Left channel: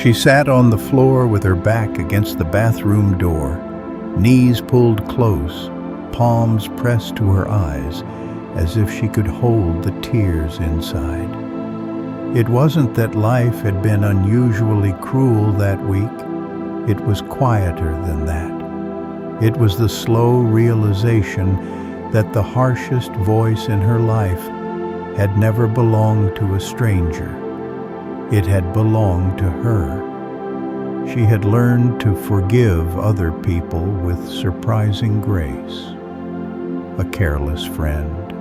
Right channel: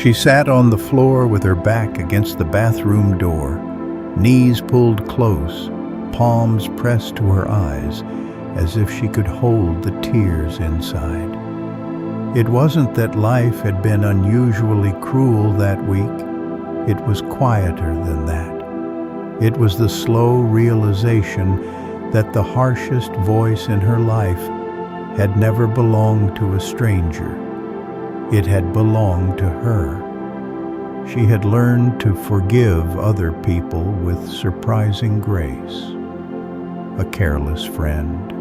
She sat on the floor with her back against the bathroom door, knees pulled close, palms pressed to her eyes, as if she could hold the tears inside. It wasn't that life had been unusually cruel that week. It was quieter than that. It was the slow realization that the harshest voice in her life had never belonged to a stranger. It had belonged to her. She had learned to forgive other people with surprising grace. A careless friend,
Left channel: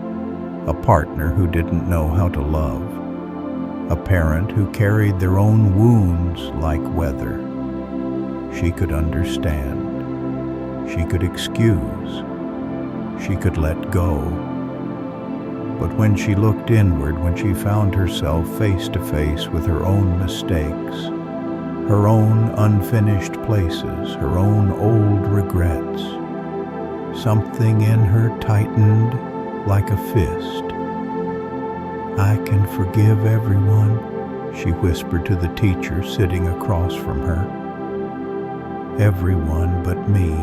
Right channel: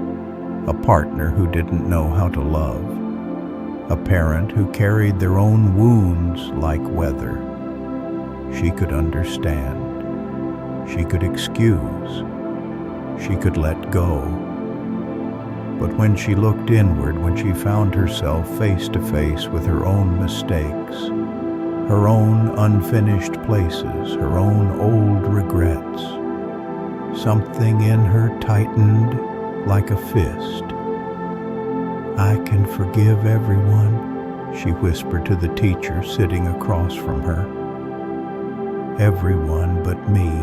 a partner who didn't know how to love, a parent who carried their own wounds like weather. She could understand. She could excuse. She could let go. But when she looked inward, when she found herself face to face with her own mistakes, her own unfinished places, her own old regrets, something in her tightened like a fist. "I can forgive everyone," she whispered to the teacher sitting across from her. "Everyone but me."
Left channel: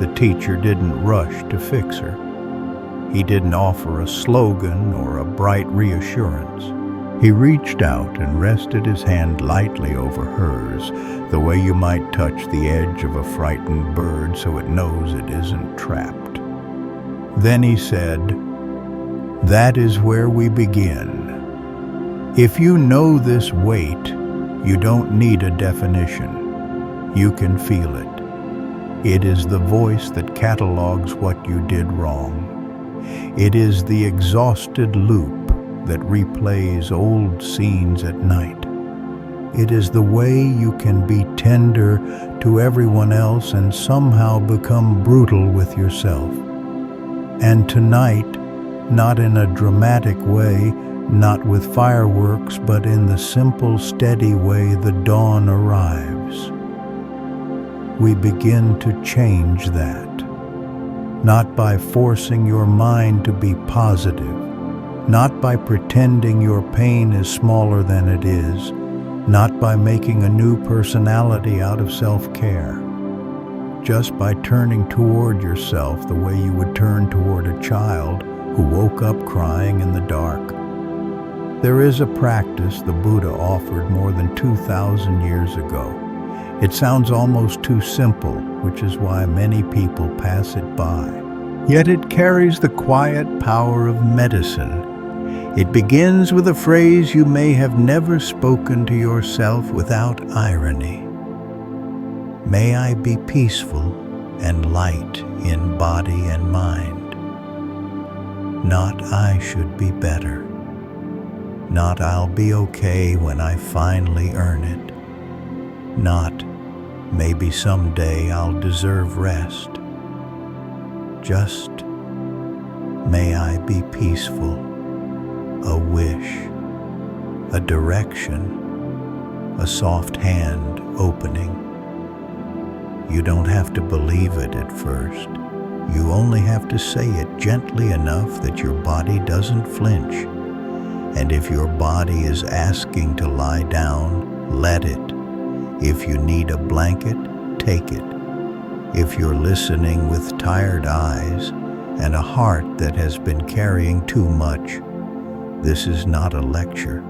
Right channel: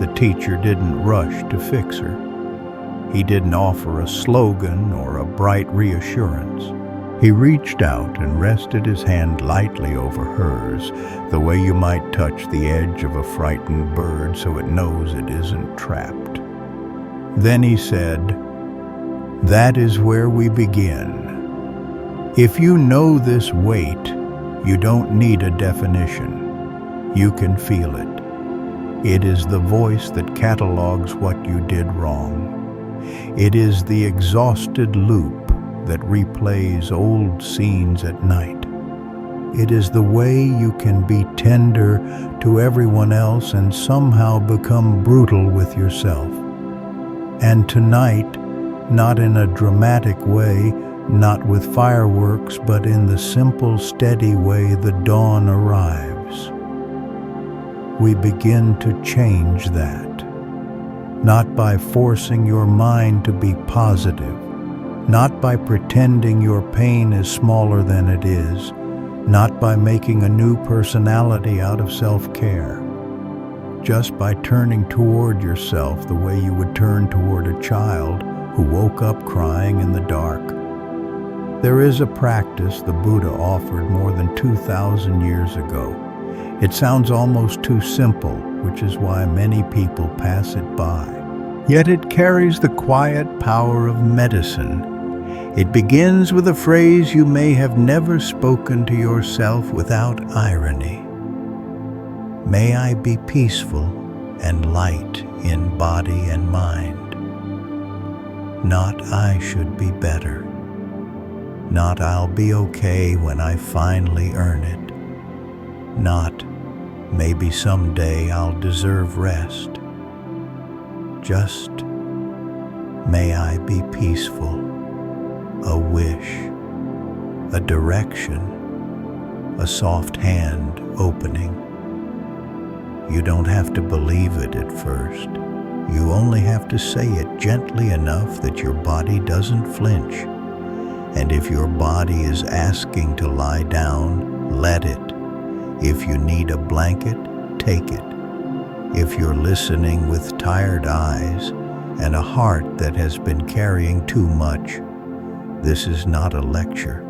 The teacher didn't rush to fix her. He didn't offer a slogan or a bright reassurance. He reached out and rested his hand lightly over hers, the way you might touch the edge of a frightened bird so it knows it isn't trapped. Then he said, "That is where we begin. If you know this weight, you don't need a definition. You can feel it. It is the voice that catalogs what you did wrong. It is the exhausted loop that replays old scenes at night. It is the way you can be tender to everyone else and somehow become brutal with yourself. And tonight, not in a dramatic way, not with fireworks, but in the simple, steady way the dawn arrives, we begin to change that. Not by forcing your mind to be positive, not by pretending your pain is smaller than it is, not by making a new personality out of self-care, just by turning toward yourself the way you would turn toward a child who woke up crying in the dark. There is a practice the Buddha offered more than 2,000 years ago. It sounds almost too simple, which is why many people pass it by. Yet it carries the quiet power of medicine. It begins with a phrase you may have never spoken to yourself without irony. May I be peaceful and light in body and mind. Not I should be better. Not I'll be okay when I finally earn it. Not maybe someday I'll deserve rest. Just may I be peaceful. A wish, a direction, a soft hand opening. You don't have to believe it at first. You only have to say it gently enough that your body doesn't flinch. And if your body is asking to lie down, let it. If you need a blanket, take it. If you're listening with tired eyes and a heart that has been carrying too much, this is not a lecture.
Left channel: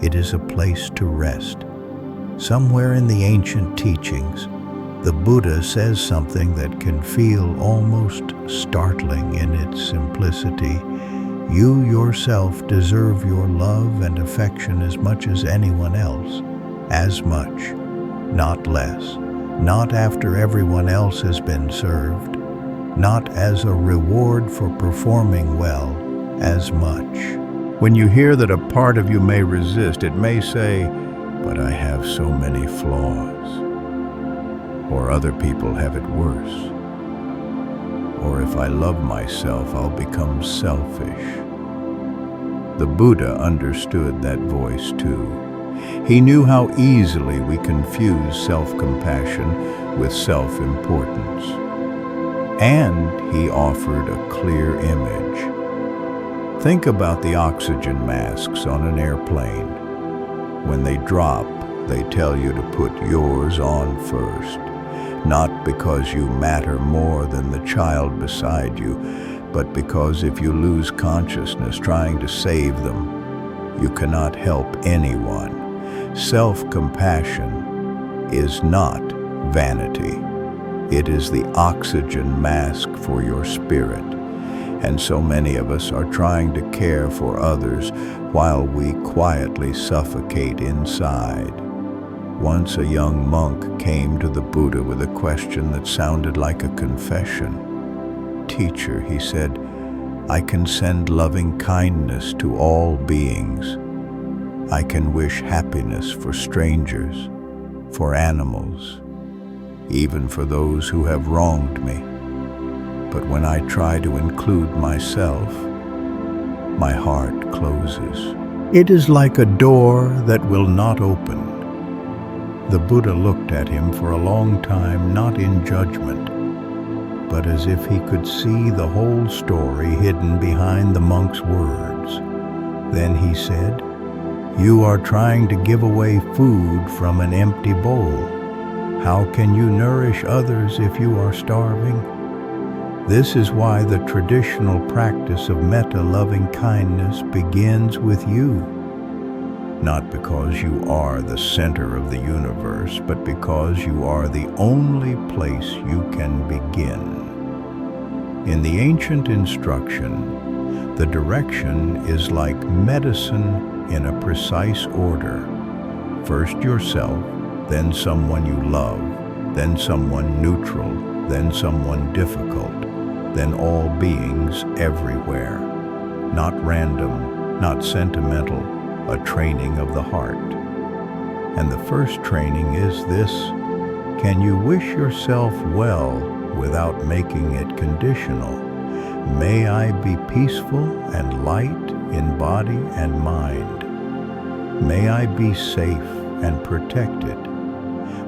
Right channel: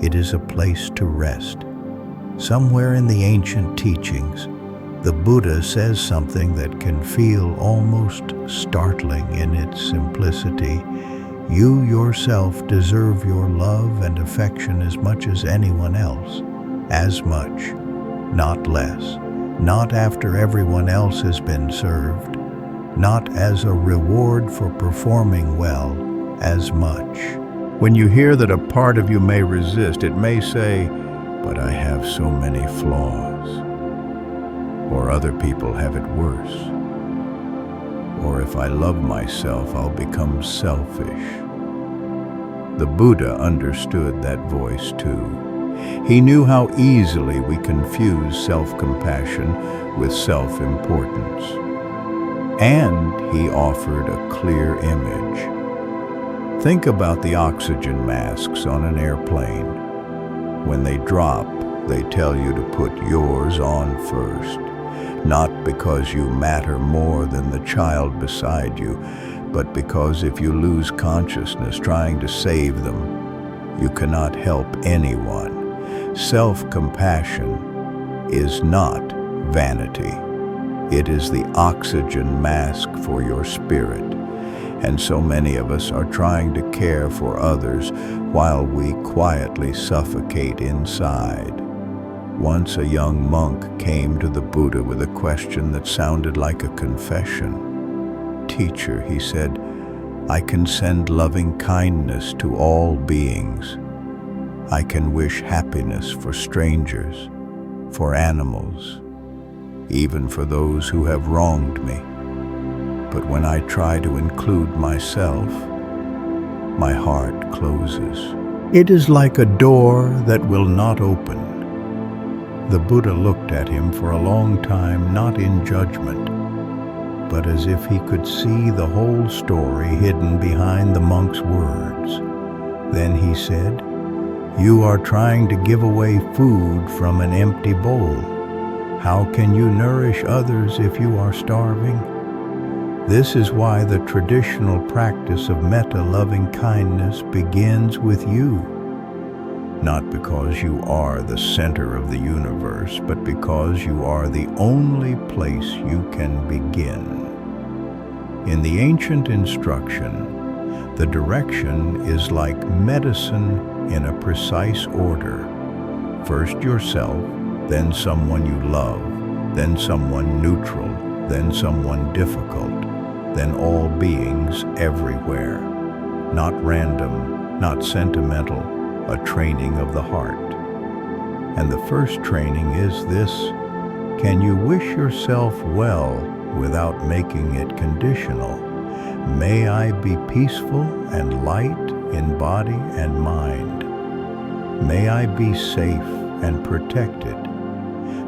It is a place to rest. Somewhere in the ancient teachings, the Buddha says something that can feel almost startling in its simplicity. You yourself deserve your love and affection as much as anyone else. As much, not less. Not after everyone else has been served. Not as a reward for performing well, as much. When you hear that a part of you may resist, it may say, "But I have so many flaws." Or other people have it worse. Or if I love myself, I'll become selfish. The Buddha understood that voice too. He knew how easily we confuse self-compassion with self-importance. And he offered a clear image. Think about the oxygen masks on an airplane. When they drop, They tell you to put yours on first, not because you matter more than the child beside you, but because if you lose consciousness trying to save them, you cannot help anyone. Self-compassion is not vanity. It is the oxygen mask for your spirit. And so many of us are trying to care for others while we quietly suffocate inside. Once a young monk came to the Buddha with a question that sounded like a confession. "Teacher," he said, "I can send loving kindness to all beings. I can wish happiness for strangers, for animals, even for those who have wronged me. But when I try to include myself, my heart closes. It is like a door that will not open." The Buddha looked at him for a long time, not in judgment, but as if he could see the whole story hidden behind the monk's words. Then he said, "You are trying to give away food from an empty bowl. How can you nourish others if you are starving?" This is why the traditional practice of Metta, loving kindness, begins with you. Not because you are the center of the universe, but because you are the only place you can begin. In the ancient instruction, the direction is like medicine in a precise order. First yourself, then someone you love, then someone neutral, then someone difficult, then all beings everywhere. Not random, not sentimental, a training of the heart. And the first training is this: can you wish yourself well without making it conditional? May I be peaceful and light in body and mind. May I be safe and protected.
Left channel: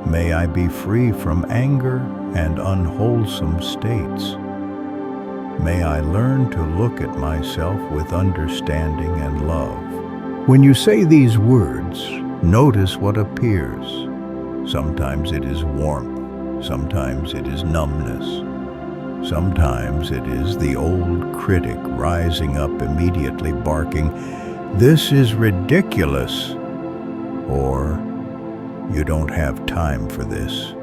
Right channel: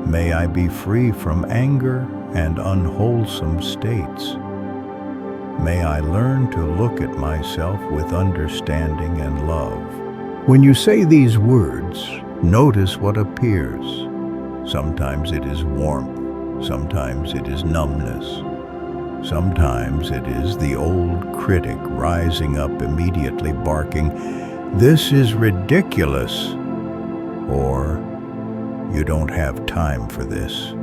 May I be free from anger and unwholesome states. May I learn to look at myself with understanding and love. When you say these words, notice what appears. Sometimes it is warmth, sometimes it is numbness, sometimes it is the old critic rising up immediately barking, "This is ridiculous," or "You don't have time for this."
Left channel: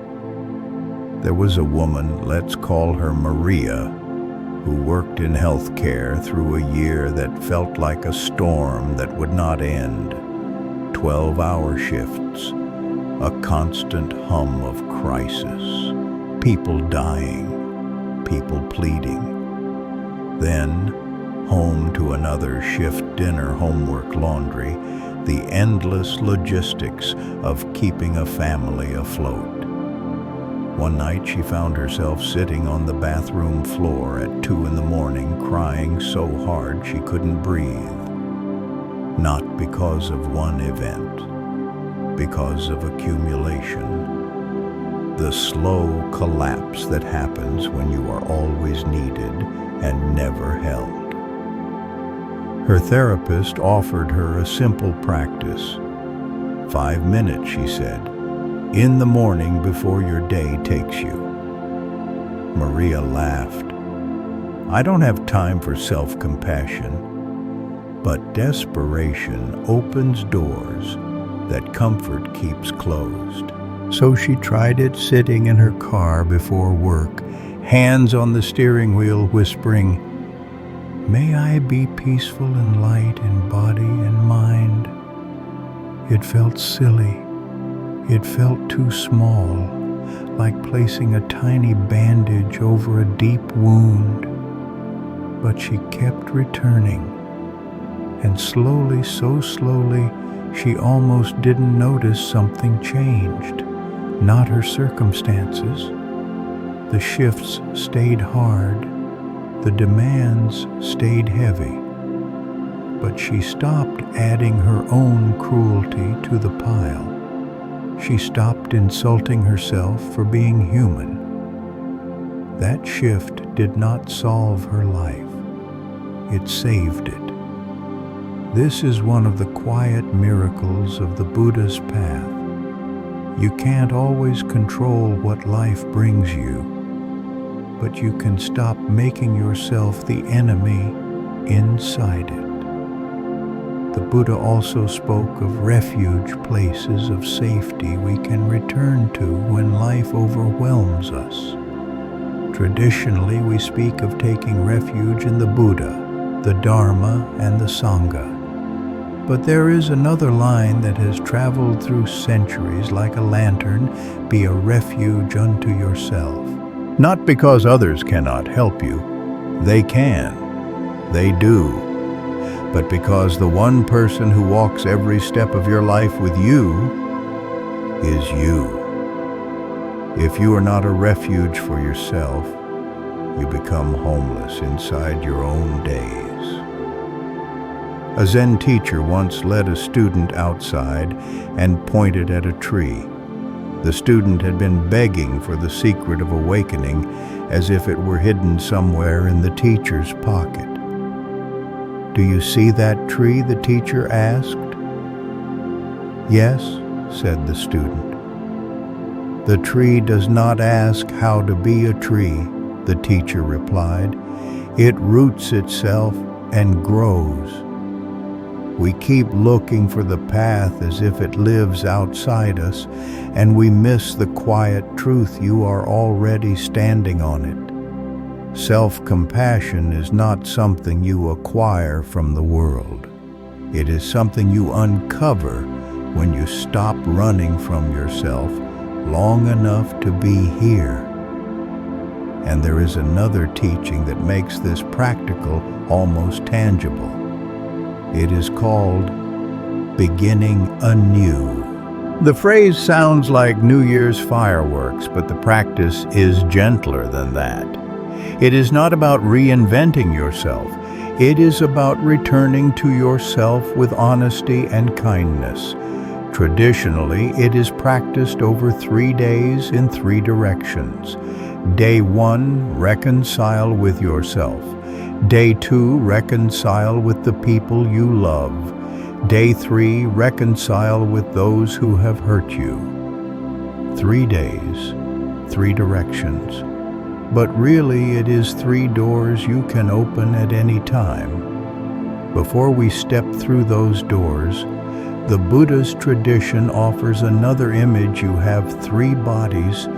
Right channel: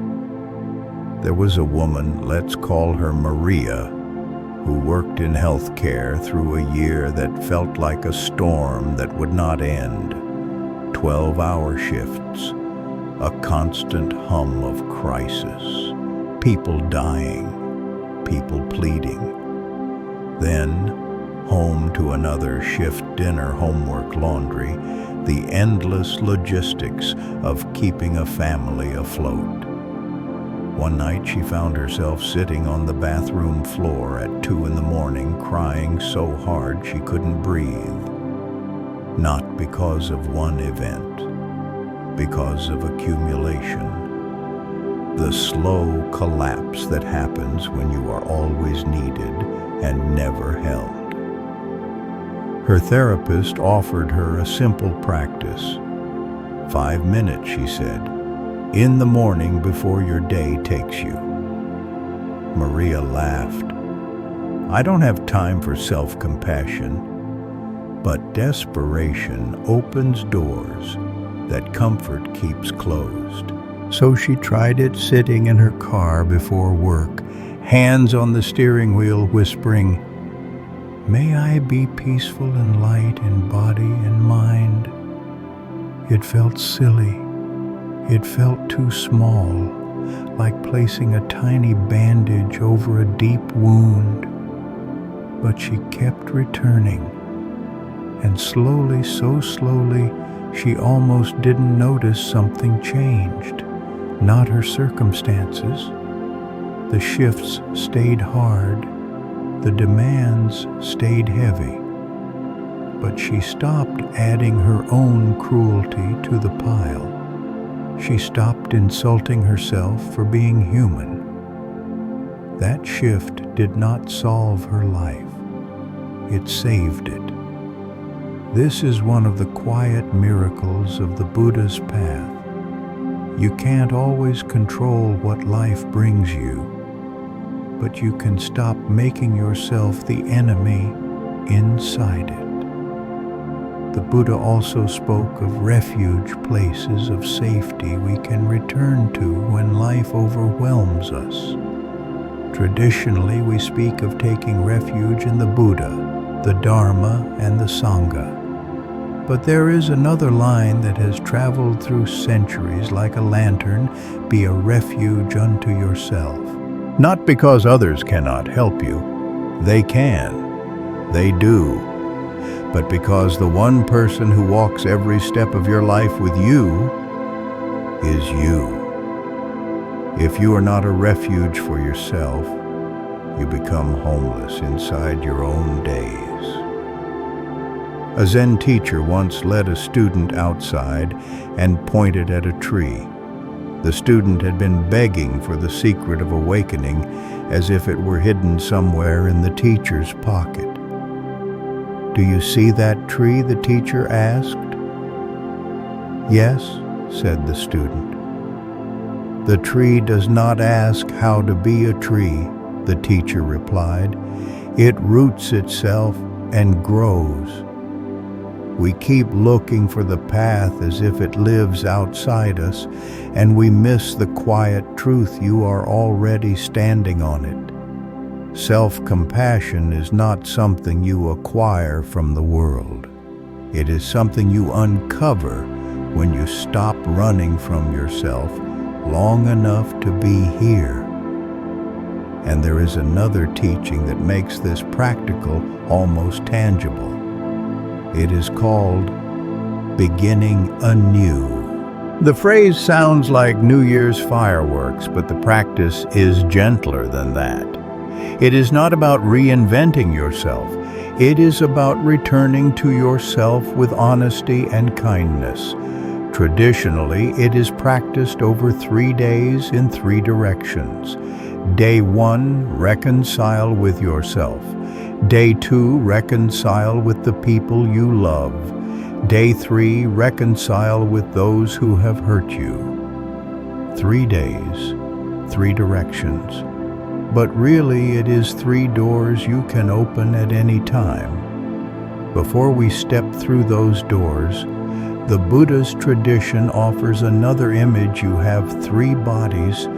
There was a woman, let's call her Maria, who worked in healthcare through a year that felt like a storm that would not end. 12-hour shifts, a constant hum of crisis, people dying, people pleading. Then, home to another shift, dinner, homework, laundry, the endless logistics of keeping a family afloat. One night she found herself sitting on the bathroom floor at 2 a.m, crying so hard she couldn't breathe. Not because of one event, because of accumulation. The slow collapse that happens when you are always needed and never held. Her therapist offered her a simple practice. 5 minutes, she said, in the morning before your day takes you. Maria laughed. I don't have time for self-compassion, but desperation opens doors that comfort keeps closed. So she tried it sitting in her car before work, hands on the steering wheel, whispering, "May I be peaceful and light in body and mind." It felt silly. It felt too small, like placing a tiny bandage over a deep wound. But she kept returning, and slowly, so slowly, she almost didn't notice something changed. Not her circumstances. The shifts stayed hard, the demands stayed heavy. But she stopped adding her own cruelty to the pile. She stopped insulting herself for being human. That shift did not solve her life. It saved it. This is one of the quiet miracles of the Buddha's path. You can't always control what life brings you, but you can stop making yourself the enemy inside it. The Buddha also spoke of refuge places of safety we can return to when life overwhelms us. Traditionally, we speak of taking refuge in the Buddha, the Dharma, and the Sangha. But there is another line that has traveled through centuries like a lantern: be a refuge unto yourself. Not because others cannot help you. They can. They do. But because the one person who walks every step of your life with you is you. If you are not a refuge for yourself, you become homeless inside your own days. A Zen teacher once led a student outside and pointed at a tree. The student had been begging for the secret of awakening as if it were hidden somewhere in the teacher's pocket. "Do you see that tree?" the teacher asked. "Yes," said the student. "The tree does not ask how to be a tree," the teacher replied. "It roots itself and grows." We keep looking for the path as if it lives outside us, and we miss the quiet truth: you are already standing on it. Self-compassion is not something you acquire from the world. It is something you uncover when you stop running from yourself long enough to be here. And there is another teaching that makes this practical, almost tangible. It is called Beginning Anew. The phrase sounds like New Year's fireworks, but the practice is gentler than that. It is not about reinventing yourself. It is about returning to yourself with honesty and kindness. Traditionally, it is practiced over 3 days in 3 directions. Day 1, reconcile with yourself. Day 2, reconcile with the people you love. Day 3, reconcile with those who have hurt you. 3 days, 3 directions. But really, it is 3 doors you can open at any time. Before we step through those doors, the Buddhist tradition offers another image. You have 3 bodies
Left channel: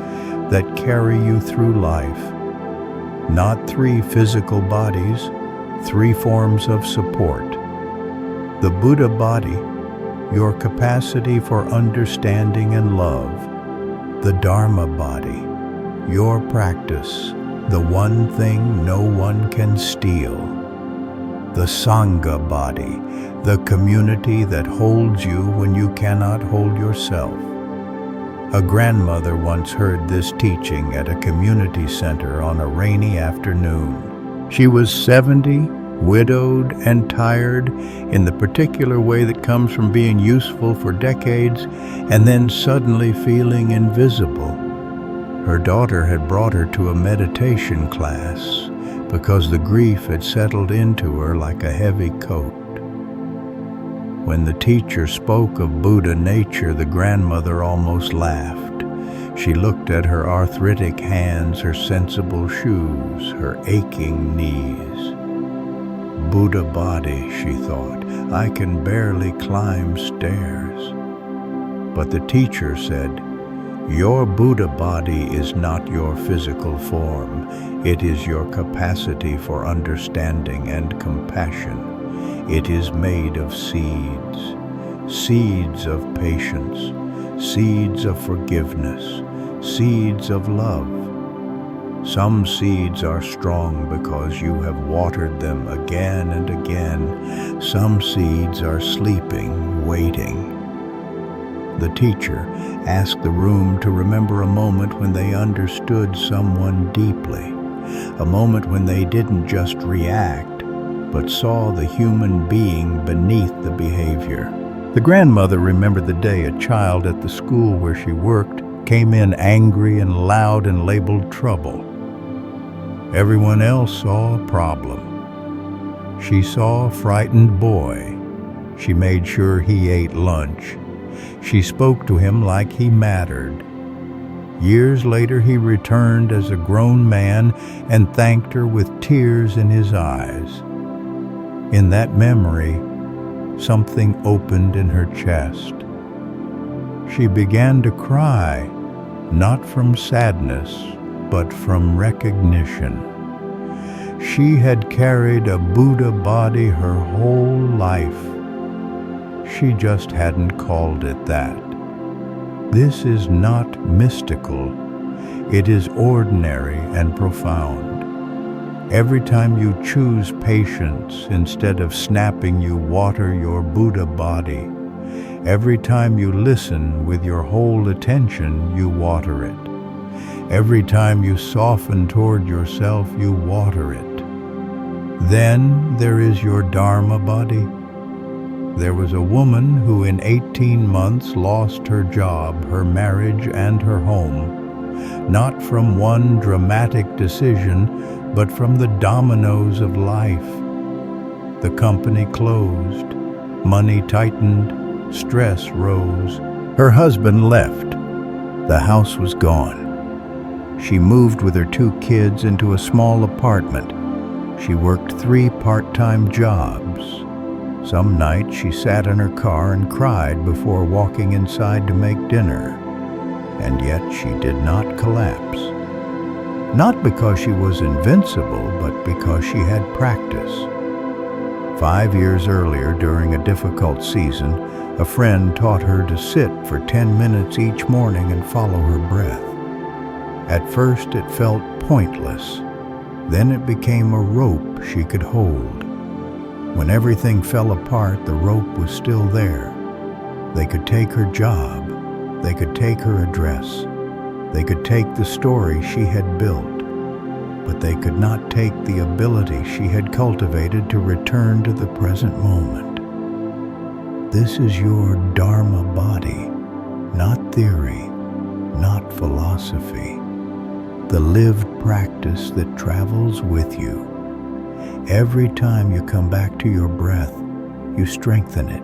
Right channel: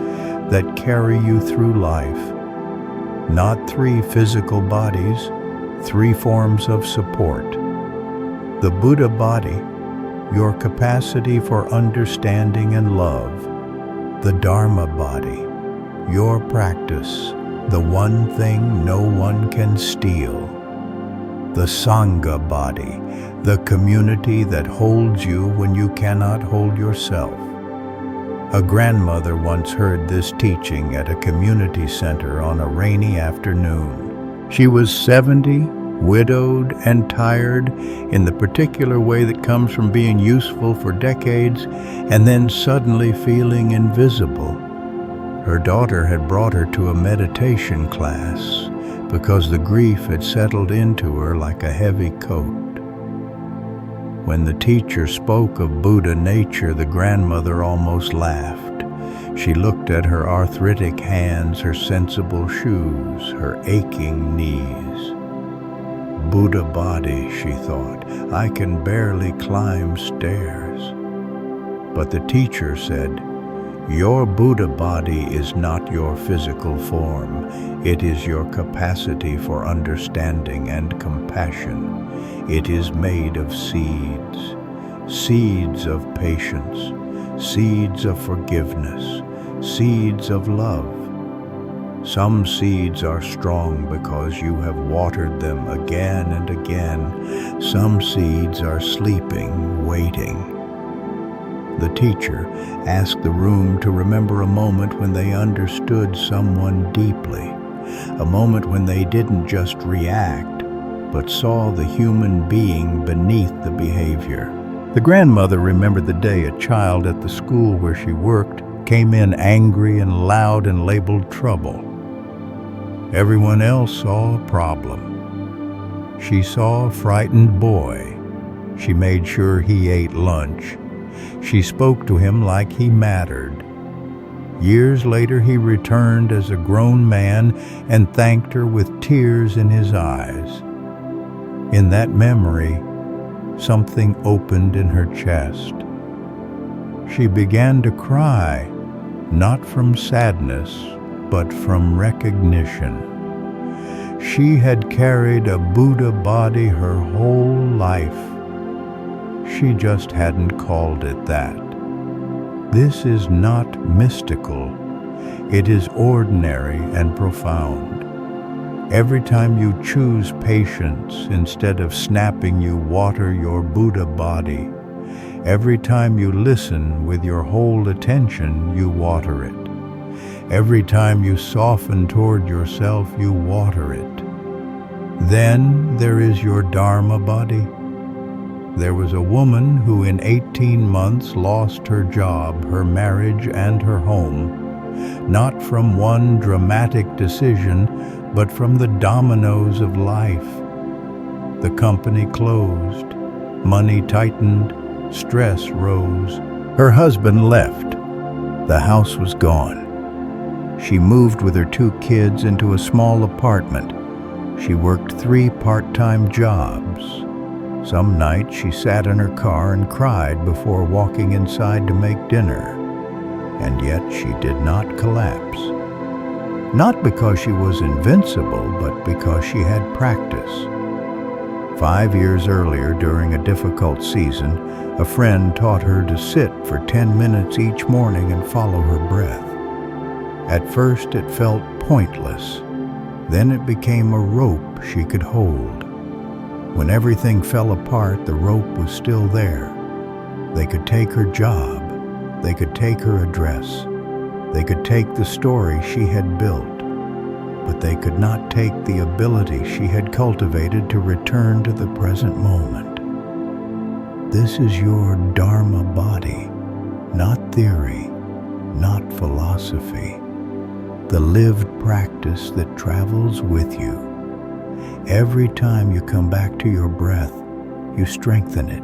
that carry you through life. Not 3 physical bodies, 3 forms of support. The Buddha body, your capacity for understanding and love. The Dharma body, your practice, the one thing no one can steal. The Sangha body, the community that holds you when you cannot hold yourself. A grandmother once heard this teaching at a community center on a rainy afternoon. She was 70, widowed, and tired in the particular way that comes from being useful for decades and then suddenly feeling invisible. Her daughter had brought her to a meditation class because the grief had settled into her like a heavy coat. When the teacher spoke of Buddha nature, the grandmother almost laughed. She looked at her arthritic hands, her sensible shoes, her aching knees. Buddha body, she thought, I can barely climb stairs. But the teacher said, your Buddha body is not your physical form. It is your capacity for understanding and compassion. It is made of seeds, seeds of patience, seeds of forgiveness, seeds of love. Some seeds are strong because you have watered them again and again. Some seeds are sleeping, waiting. The teacher asked the room to remember a moment when they understood someone deeply, a moment when they didn't just react, but saw the human being beneath the behavior. The grandmother remembered the day a child at the school where she worked came in angry and loud and labeled trouble. Everyone else saw a problem. She saw a frightened boy. She made sure he ate lunch. She spoke to him like he mattered. Years later, he returned as a grown man and thanked her with tears in his eyes. In that memory, something opened in her chest. She began to cry, not from sadness, but from recognition. She had carried a Buddha body her whole life. She just hadn't called it that. This is not mystical. It is ordinary and profound. Every time you choose patience instead of snapping, you water your Buddha body. Every time you listen with your whole attention, you water it. Every time you soften toward yourself, you water it. Then there is your Dharma body. There was a woman who in 18 months lost her job, her marriage, and her home, not from one dramatic decision, but from the dominoes of life. The company closed, money tightened, stress rose. Her husband left. The house was gone. She moved with her 2 kids into a small apartment. She worked 3 part-time jobs. Some nights she sat in her car and cried before walking inside to make dinner. And yet she did not collapse. Not because she was invincible, but because she had practice. 5 years earlier, during a difficult season, a friend taught her to sit for 10 minutes each morning and follow her breath. At first it felt pointless. Then it became a rope she could hold. When everything fell apart, the rope was still there. They could take her job. They could take her address. They could take the story she had built. But they could not take the ability she had cultivated to return to the present moment. This is your Dharma body, not theory, not philosophy. The lived practice that travels with you. Every time you come back to your breath, you strengthen it.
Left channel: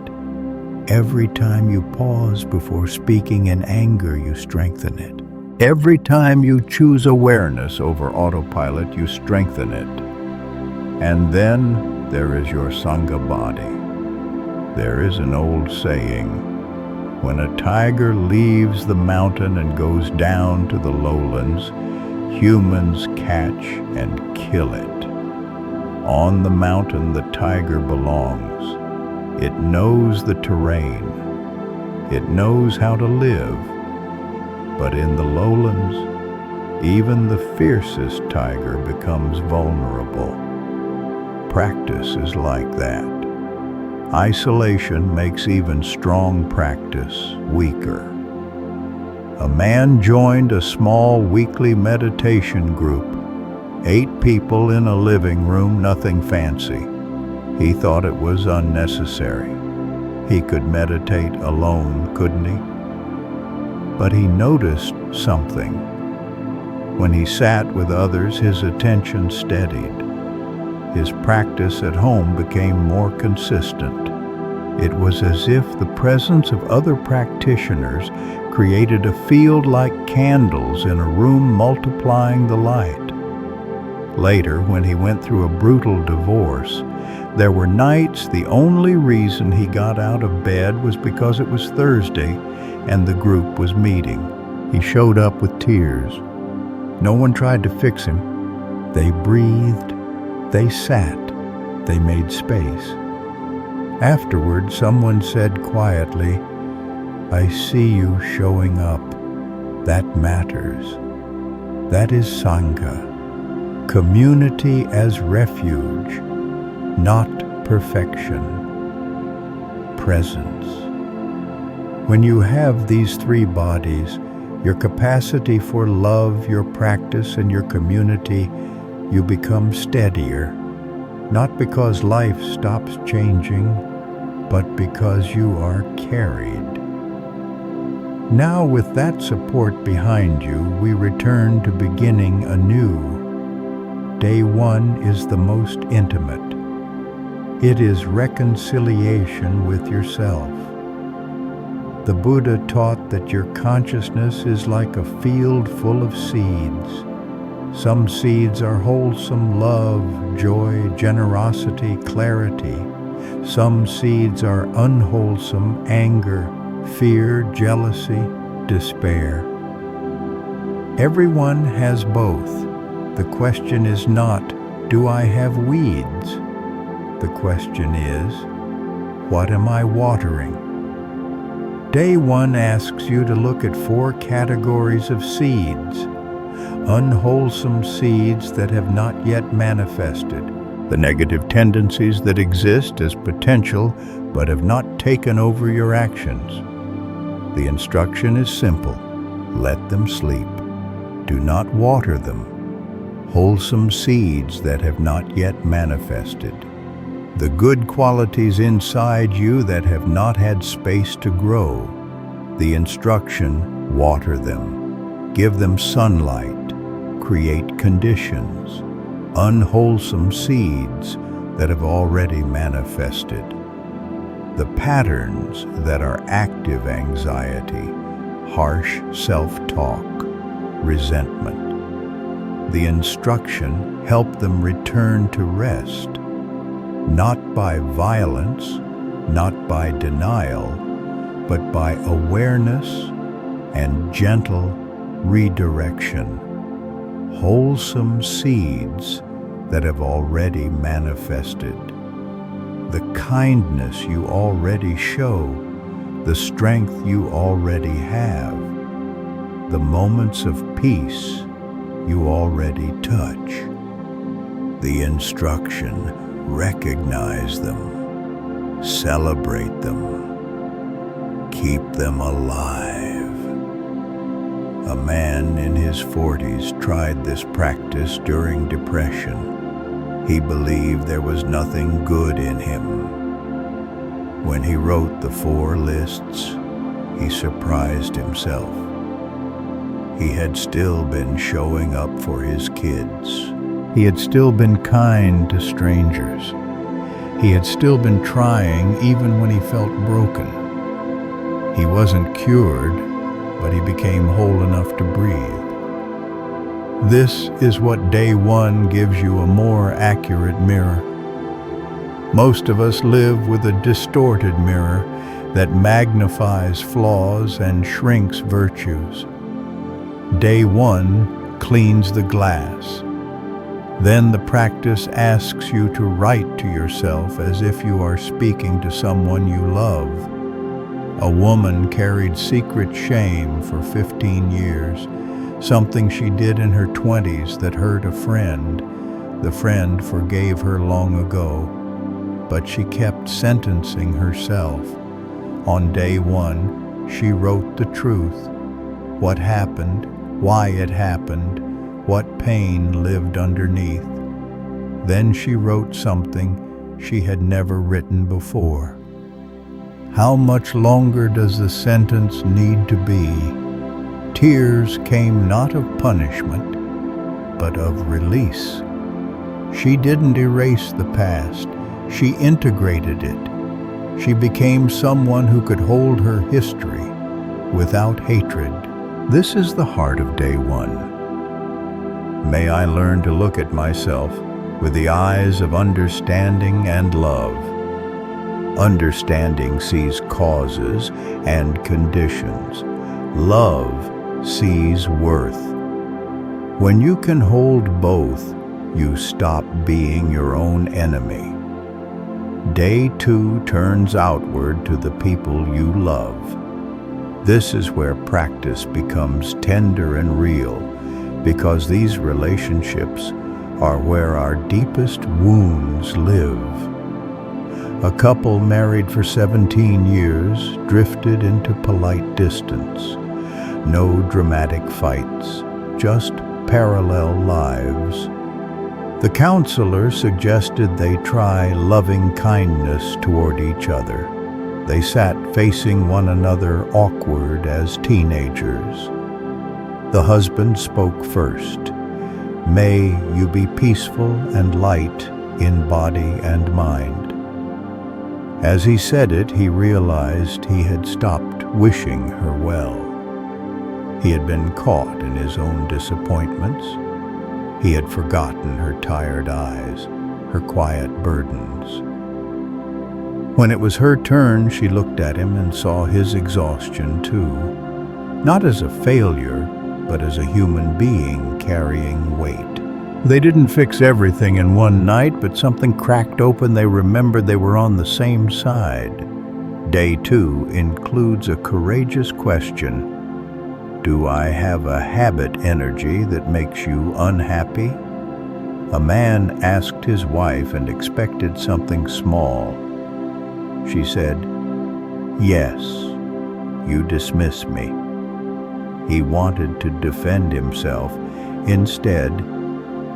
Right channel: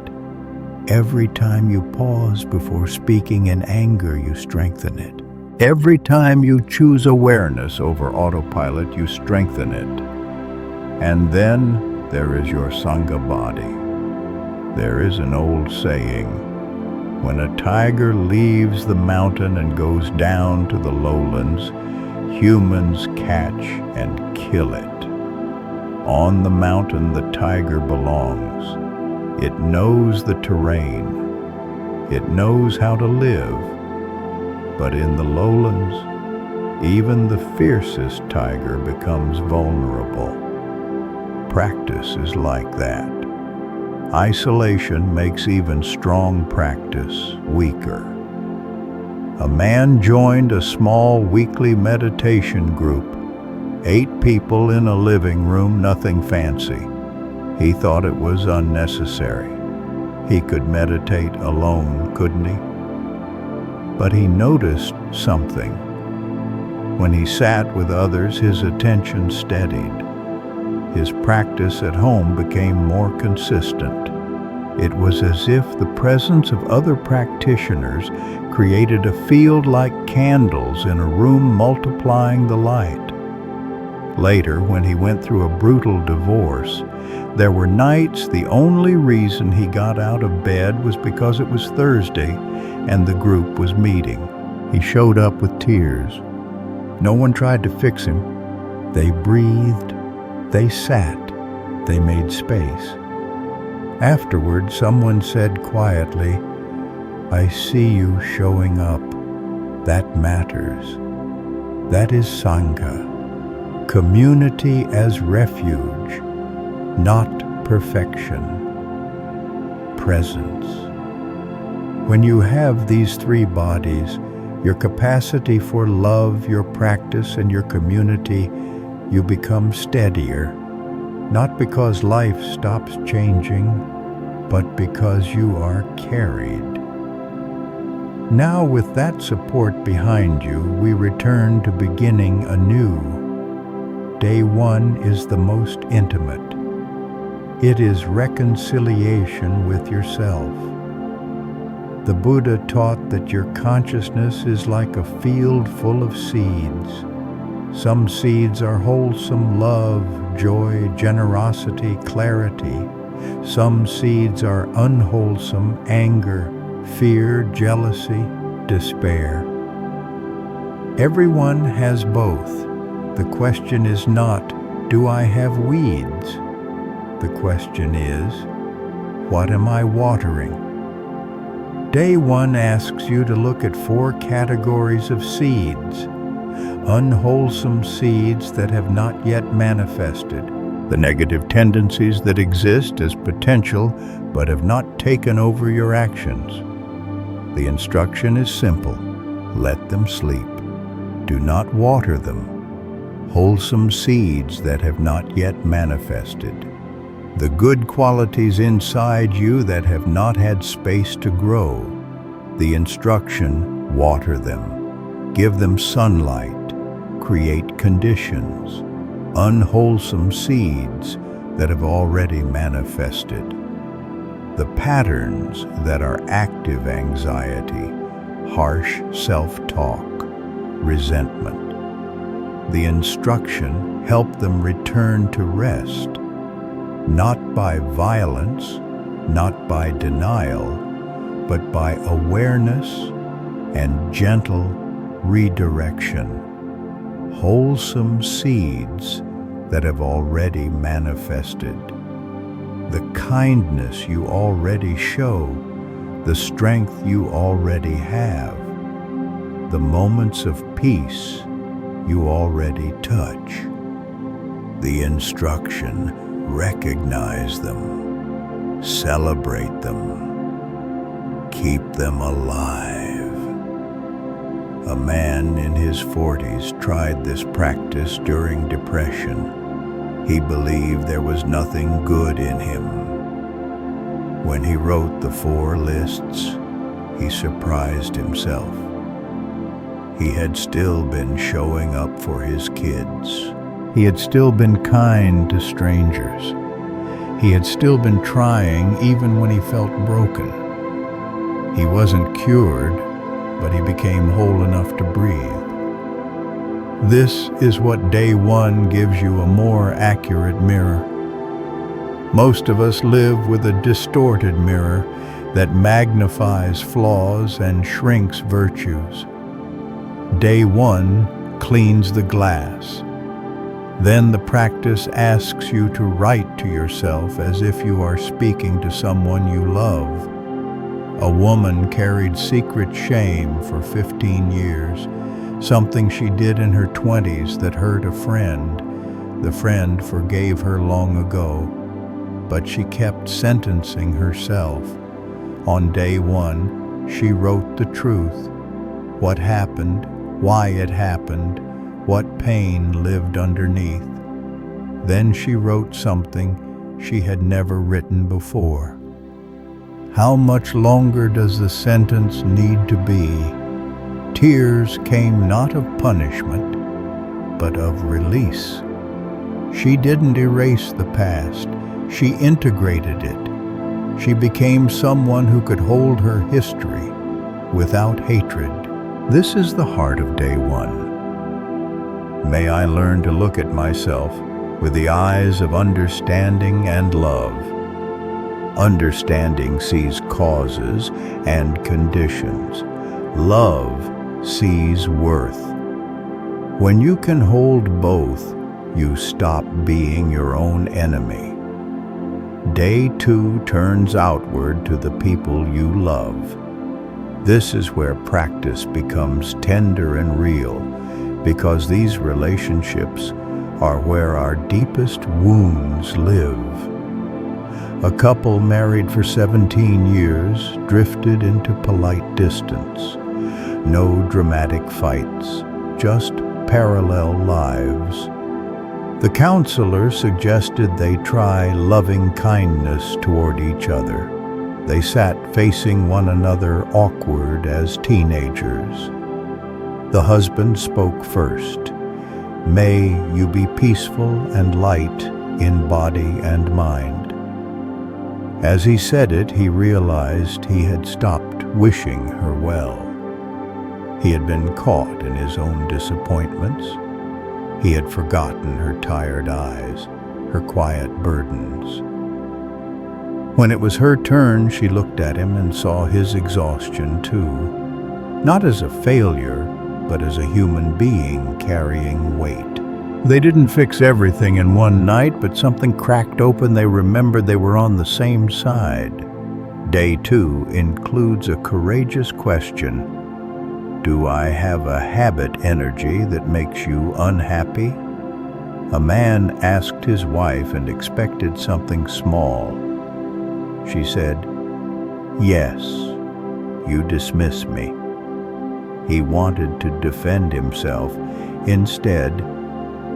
Every time you pause before speaking in anger, you strengthen it. Every time you choose awareness over autopilot, you strengthen it. And then there is your Sangha body. There is an old saying, when a tiger leaves the mountain and goes down to the lowlands, humans catch and kill it. On the mountain, the tiger belongs. It knows the terrain. It knows how to live. But in the lowlands, even the fiercest tiger becomes vulnerable. Practice is like that. Isolation makes even strong practice weaker. A man joined a small weekly meditation group. 8 people in a living room, nothing fancy. He thought it was unnecessary. He could meditate alone, couldn't he? But he noticed something. When he sat with others, his attention steadied. His practice at home became more consistent. It was as if the presence of other practitioners created a field like candles in a room, multiplying the light. Later, when he went through a brutal divorce, there were nights the only reason he got out of bed was because it was Thursday and the group was meeting. He showed up with tears. No one tried to fix him. They breathed, they sat, they made space. Afterward, someone said quietly, "I see you showing up. That matters." That is Sangha. Community as refuge, not perfection. Presence. When you have these 3 bodies, your capacity for love, your practice, and your community, you become steadier, not because life stops changing, but because you are carried. Now, with that support behind you, we return to beginning anew. Day 1 is the most intimate. It is reconciliation with yourself. The Buddha taught that your consciousness is like a field full of seeds. Some seeds are wholesome love, joy, generosity, clarity. Some seeds are unwholesome anger, fear, jealousy, despair. Everyone has both. The question is not, do I have weeds? The question is, what am I watering? Day 1 asks you to look at 4 categories of seeds. Unwholesome seeds that have not yet manifested. The negative tendencies that exist as potential but have not taken over your actions. The instruction is simple. Let them sleep. Do not water them. Wholesome seeds that have not yet manifested. The good qualities inside you that have not had space to grow. The instruction, water them. Give them sunlight. Create conditions. Unwholesome seeds that have already manifested. The patterns that are active anxiety, harsh self-talk, resentment. The instruction, help them return to rest. Not by violence, not by denial, but by awareness and gentle redirection. Wholesome seeds that have already manifested. The kindness you already show, the strength you already have, the moments of peace you already touch. The instruction, recognize them, celebrate them, keep them alive. A man in his 40s tried this practice during depression. He believed there was nothing good in him. When he wrote the 4 lists, he surprised himself. He had still been showing up for his kids. He had still been kind to strangers. He had still been trying even when he felt broken. He wasn't cured, but he became whole enough to breathe. This is what day 1 gives you, a more accurate mirror. Most of us live with a distorted mirror that magnifies flaws and shrinks virtues. Day 1 cleans the glass. Then the practice asks you to write to yourself as if you are speaking to someone you love. A woman carried secret shame for 15 years, something she did in her 20s that hurt a friend. The friend forgave her long ago, but she kept sentencing herself. On day 1, she wrote the truth. What happened, why it happened, what pain lived underneath. Then she wrote something she had never written before. How much longer does the sentence need to be? Tears came not of punishment, but of release. She didn't erase the past, she integrated it. She became someone who could hold her history without hatred. This is the heart of day 1. May I learn to look at myself with the eyes of understanding and love. Understanding sees causes and conditions. Love sees worth. When you can hold both, you stop being your own enemy. Day 2 turns outward to the people you love. This is where practice becomes tender and real, because these relationships are where our deepest wounds live. A couple married for 17 years drifted into polite distance. No dramatic fights, just parallel lives. The counselor suggested they try loving kindness toward each other. They sat facing one another, awkward as teenagers. The husband spoke first. May you be peaceful and light in body and mind. As he said it, he realized he had stopped wishing her well. He had been caught in his own disappointments. He had forgotten her tired eyes, her quiet burdens. When it was her turn, she looked at him and saw his exhaustion too, not as a failure, but as a human being carrying weight. They didn't fix everything in one night, but something cracked open. They remembered they were on the same side. Day 2 includes a courageous question. Do I have a habit energy that makes you unhappy? A man asked his wife and expected something small. She said, "Yes, you dismiss me." He wanted to defend himself. Instead,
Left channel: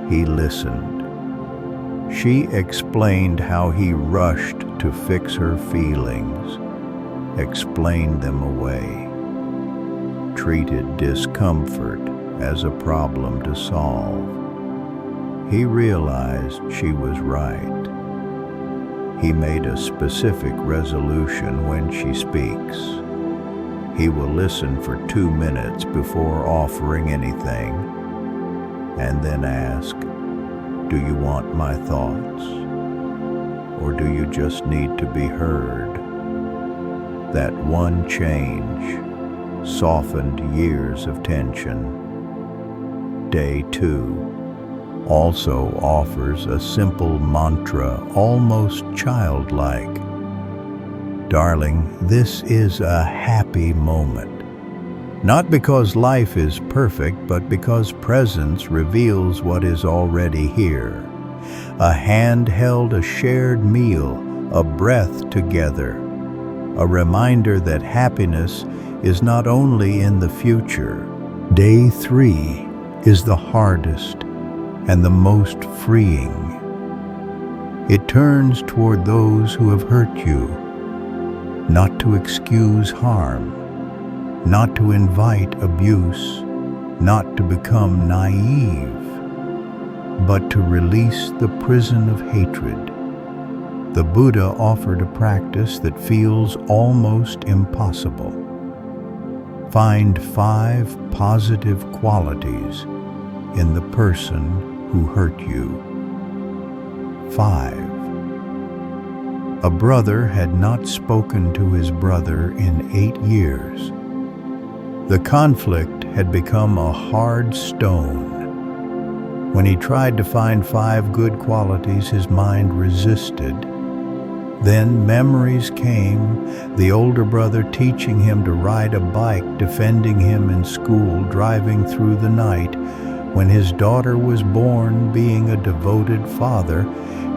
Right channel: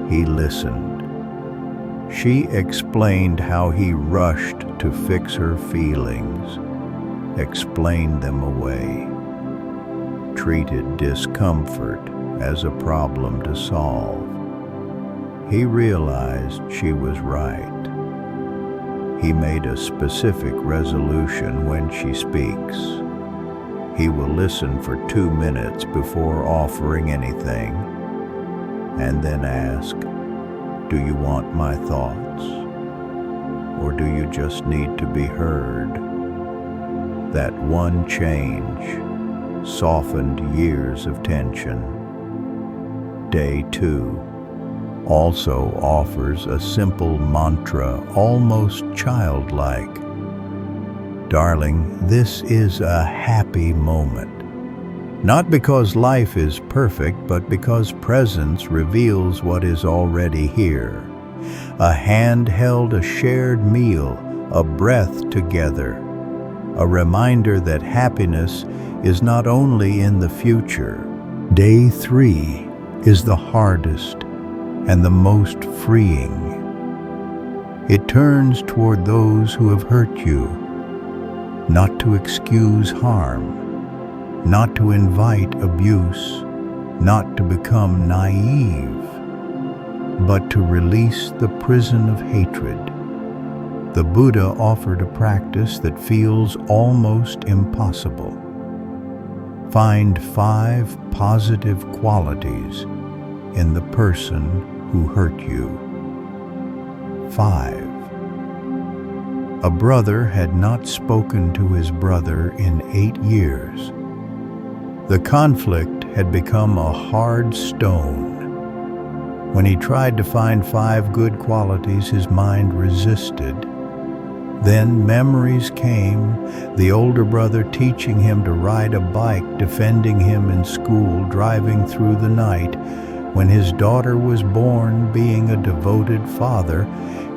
he listened. She explained how he rushed to fix her feelings, explained them away, treated discomfort as a problem to solve. He realized she was right. He made a specific resolution when she speaks. He will listen for 2 minutes before offering anything, and then ask, "Do you want my thoughts? Or do you just need to be heard?" That one change softened years of tension. Day 2 also offers a simple mantra, almost childlike. Darling, this is a happy moment. Not because life is perfect, but because presence reveals what is already here. A hand held, a shared meal, a breath together. A reminder that happiness is not only in the future. Day 3 is the hardest and the most freeing. It turns toward those who have hurt you, not to excuse harm, not to invite abuse, not to become naive, but to release the prison of hatred. The Buddha offered a practice that feels almost impossible. Find 5 positive qualities in the person who hurt you. 5. A brother had not spoken to his brother in 8 years. The conflict had become a hard stone. When he tried to find 5 good qualities, his mind resisted. Then memories came, the older brother teaching him to ride a bike, defending him in school, driving through the night, when his daughter was born, being a devoted father,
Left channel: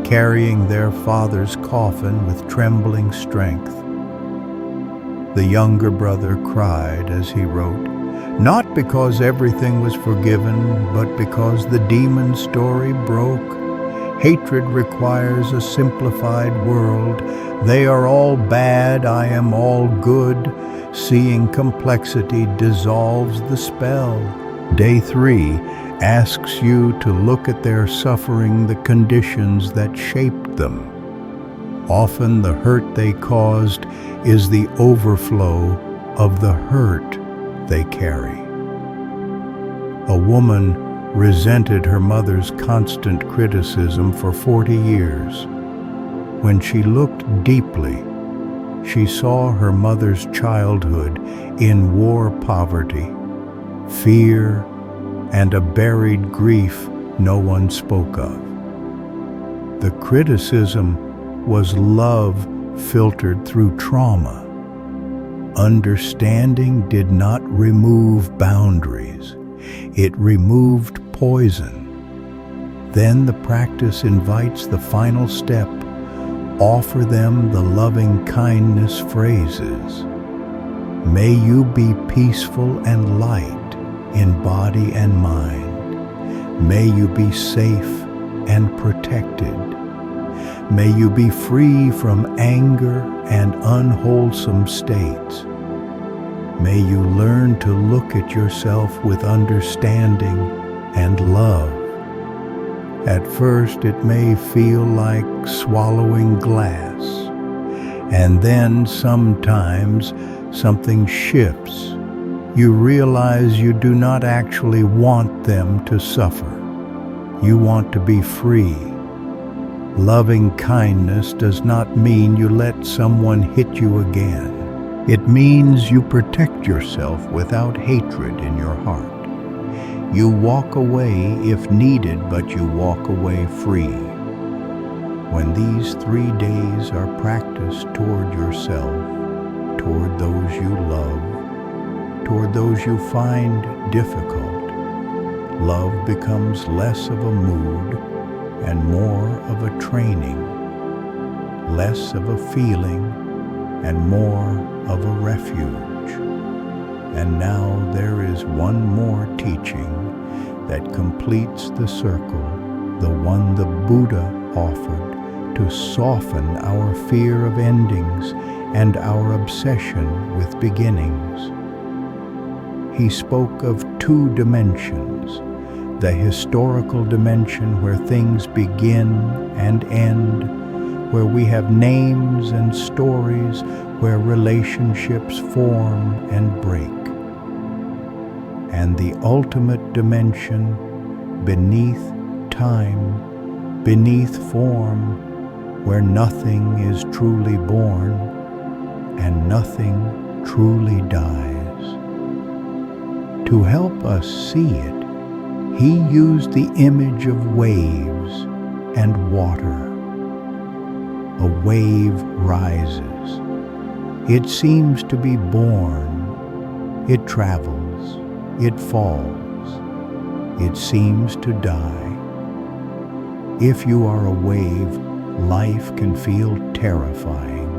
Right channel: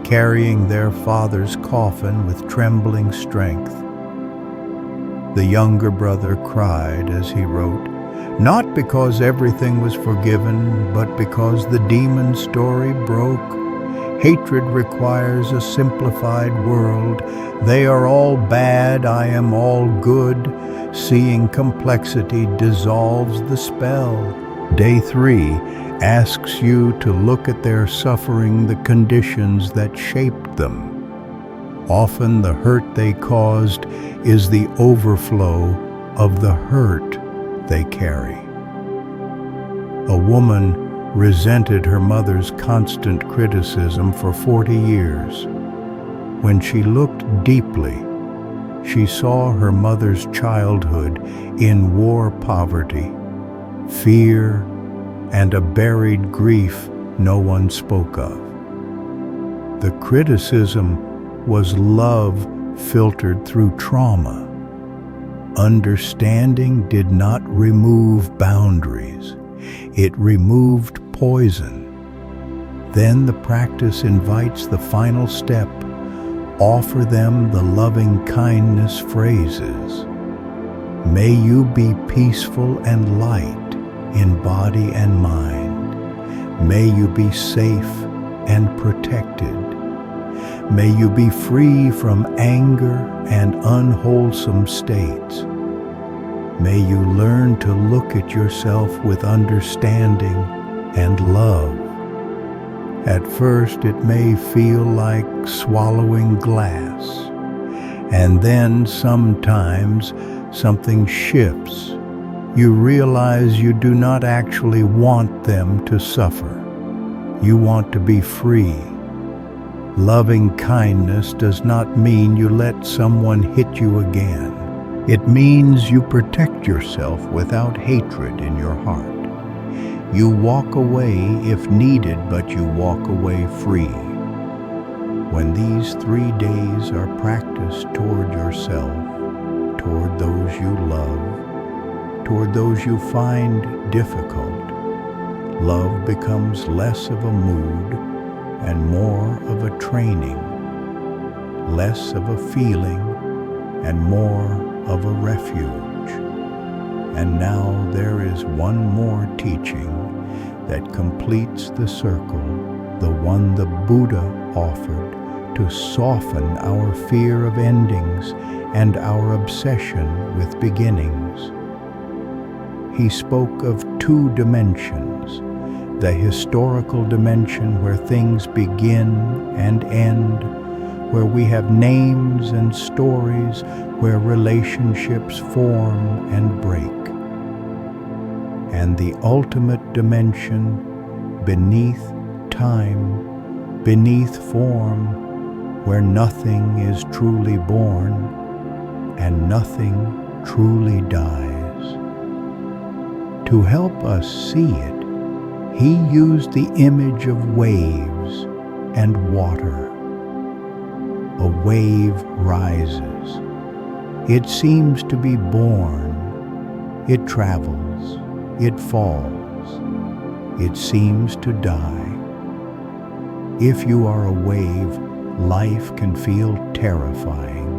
carrying their father's coffin with trembling strength. The younger brother cried as he wrote, not because everything was forgiven, but because the demon story broke. Hatred requires a simplified world. They are all bad, I am all good. Seeing complexity dissolves the spell. Day 3 asks you to look at their suffering, the conditions that shaped them. Often the hurt they caused is the overflow of the hurt they carry. A woman resented her mother's constant criticism for 40 years. When she looked deeply, she saw her mother's childhood in war poverty, fear, and a buried grief no one spoke of. The criticism was love filtered through trauma. Understanding did not remove boundaries. It removed poison. Then the practice invites the final step. Offer them the loving kindness phrases. May you be peaceful and light in body and mind. May you be safe and protected. May you be free from anger and unwholesome states. May you learn to look at yourself with understanding and love. At first, it may feel like swallowing glass. And then sometimes something shifts. You realize you do not actually want them to suffer. You want to be free. Loving kindness does not mean you let someone hit you again. It means you protect yourself without hatred in your heart. You walk away if needed, but you walk away free. When these 3 days are practiced toward yourself, toward those you love, toward those you find difficult, love becomes less of a mood and more of a training, less of a feeling and more of a refuge. And now there is one more teaching that completes the circle, the one the Buddha offered to soften our fear of endings and our obsession with beginnings. He spoke of 2 dimensions, the historical dimension where things begin and end, where we have names and stories, where relationships form and break, and the ultimate dimension beneath time, beneath form, where nothing is truly born and nothing truly dies. To help us see it, he used the image of waves and water. A wave rises. It seems to be born. It travels. It falls. It seems to die. If you are a wave, life can feel terrifying.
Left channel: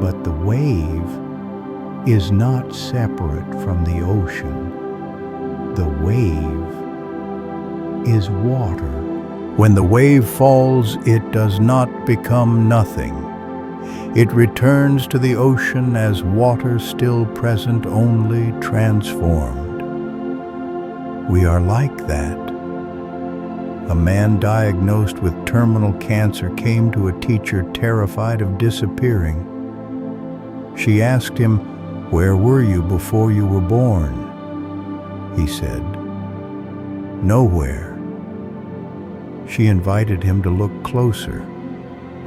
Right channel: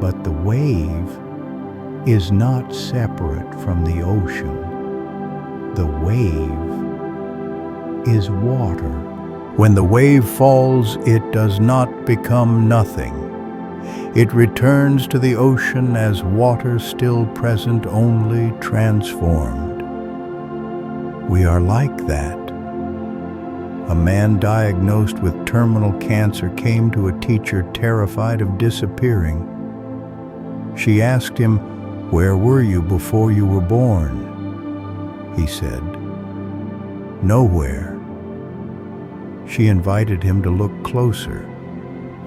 But the wave is not separate from the ocean. The wave is water. When the wave falls, it does not become nothing. It returns to the ocean as water still present, only transformed. We are like that. A man diagnosed with terminal cancer came to a teacher terrified of disappearing. She asked him, "Where were you before you were born?" He said, "Nowhere." She invited him to look closer.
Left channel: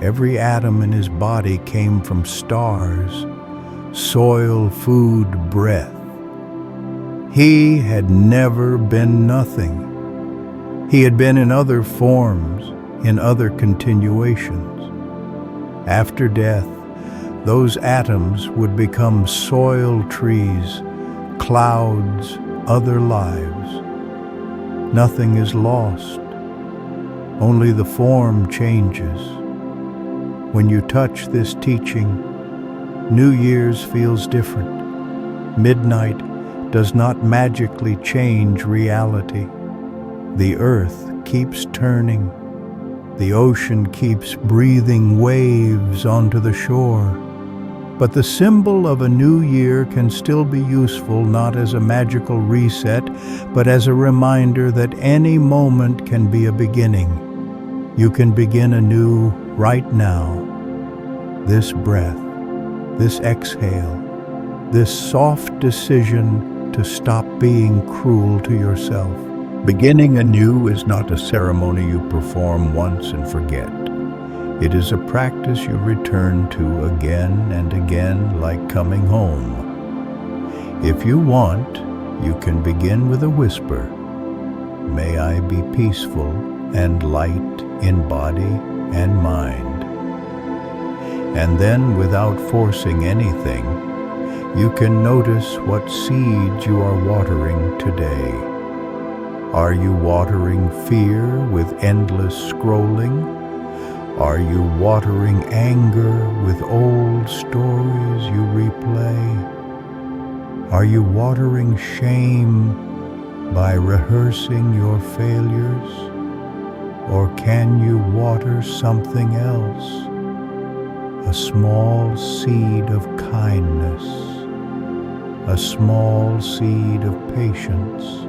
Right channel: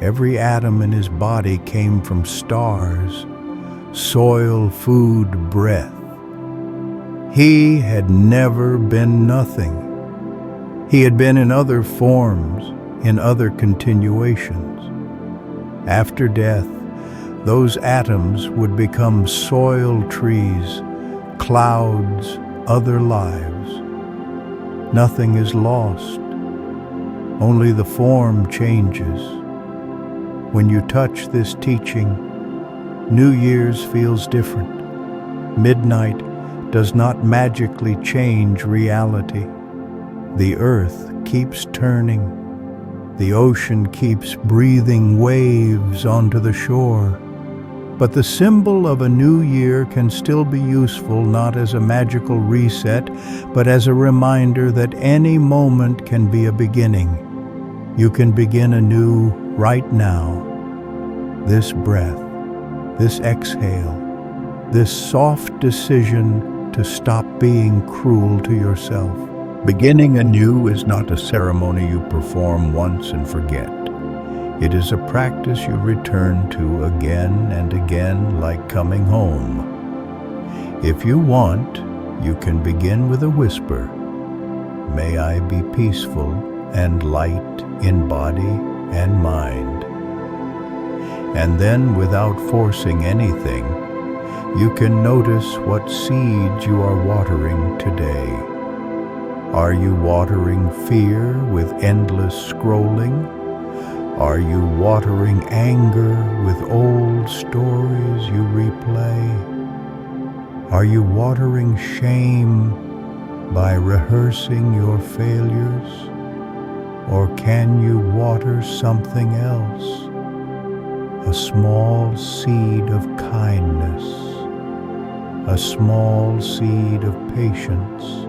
Every atom in his body came from stars, soil, food, breath. He had never been nothing. He had been in other forms, in other continuations. After death, those atoms would become soil, trees, clouds, other lives. Nothing is lost. Only the form changes. When you touch this teaching, New Year's feels different. Midnight does not magically change reality. The earth keeps turning. The ocean keeps breathing waves onto the shore. But the symbol of a new year can still be useful, not as a magical reset, but as a reminder that any moment can be a beginning. You can begin anew right now. This breath, this exhale, this soft decision to stop being cruel to yourself. Beginning anew is not a ceremony you perform once and forget. It is a practice you return to again and again, like coming home. If you want, you can begin with a whisper. May I be peaceful and light in body and mind. And then, without forcing anything, you can notice what seeds you are watering today. Are you watering fear with endless scrolling? Are you watering anger with old stories you replay? Are you watering shame by rehearsing your failures? Or can you water something else? A small seed of kindness, a small seed of patience,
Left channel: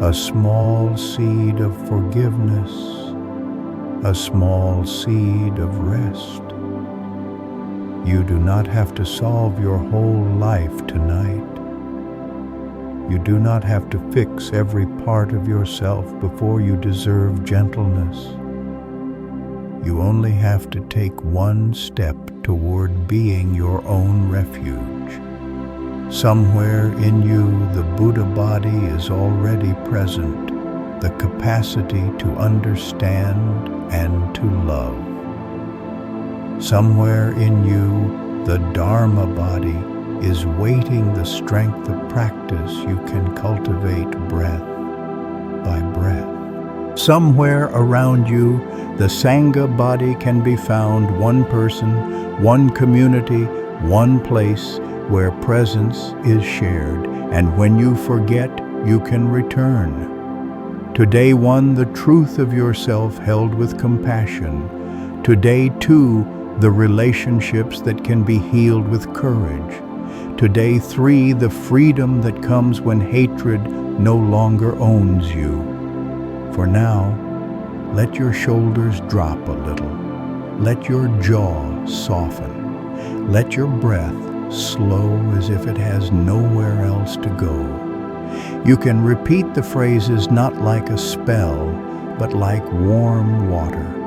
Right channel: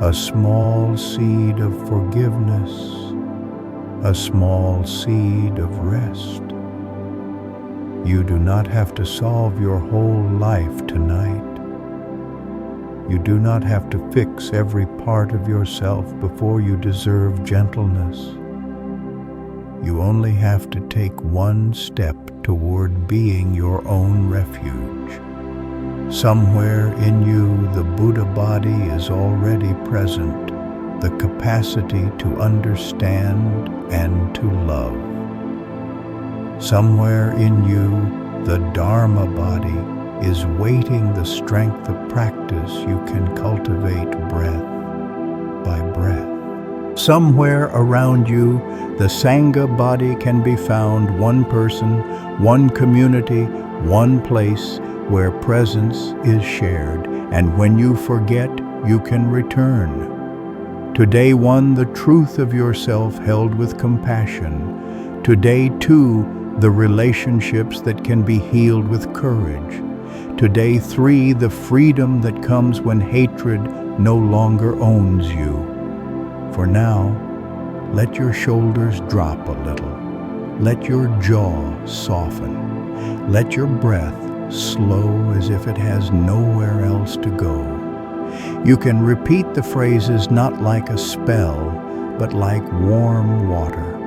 a small seed of forgiveness, a small seed of rest. You do not have to solve your whole life tonight. You do not have to fix every part of yourself before you deserve gentleness. You only have to take one step toward being your own refuge. Somewhere in you, the Buddha body is already present, the capacity to understand and to love. Somewhere in you, the Dharma body is waiting the strength of practice you can cultivate breath by breath. Somewhere around you, the Sangha body can be found, one person, one community, one place where presence is shared, and when you forget, you can return. To day one, the truth of yourself held with compassion. To day two, the relationships that can be healed with courage. To day three, the freedom that comes when hatred no longer owns you. For now, let your shoulders drop a little. Let your jaw soften. Let your breath slow as if it has nowhere else to go. You can repeat the phrases not like a spell, but like warm water.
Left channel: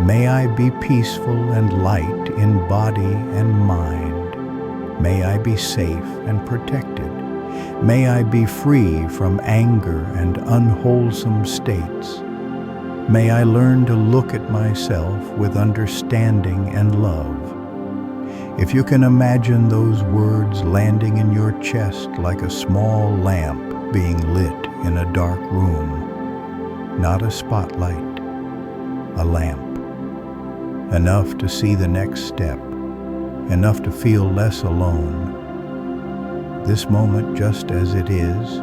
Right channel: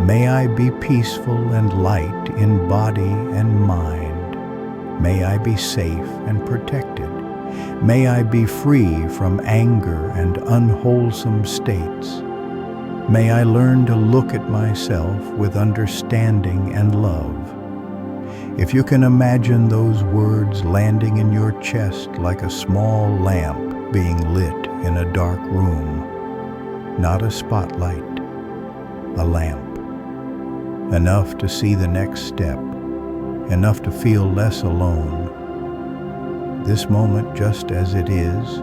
May I be peaceful and light in body and mind. May I be safe and protected. May I be free from anger and unwholesome states. May I learn to look at myself with understanding and love. If you can imagine those words landing in your chest like a small lamp being lit in a dark room, not a spotlight, a lamp, enough to see the next step, enough to feel less alone. This moment, just as it is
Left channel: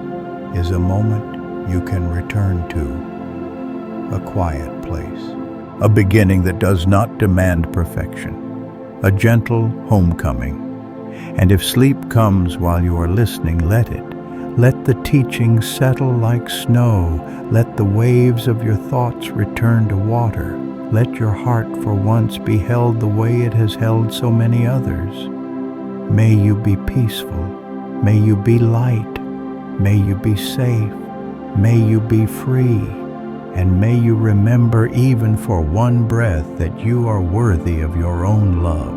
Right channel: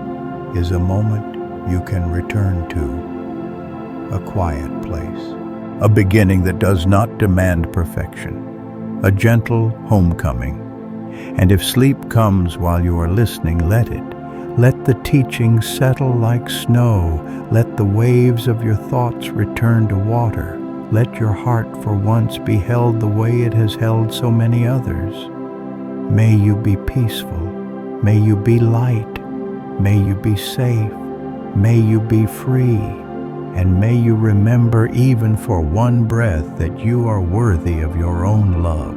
a moment you can return to, a quiet place, a beginning that does not demand perfection, a gentle homecoming. And if sleep comes while you are listening, let it. Let the teaching settle like snow. Let the waves of your thoughts return to water. Let your heart for once be held the way it has held so many others. May you be peaceful. May you be light. May you be safe. May you be free. And may you remember even for one breath that you are worthy of your own love.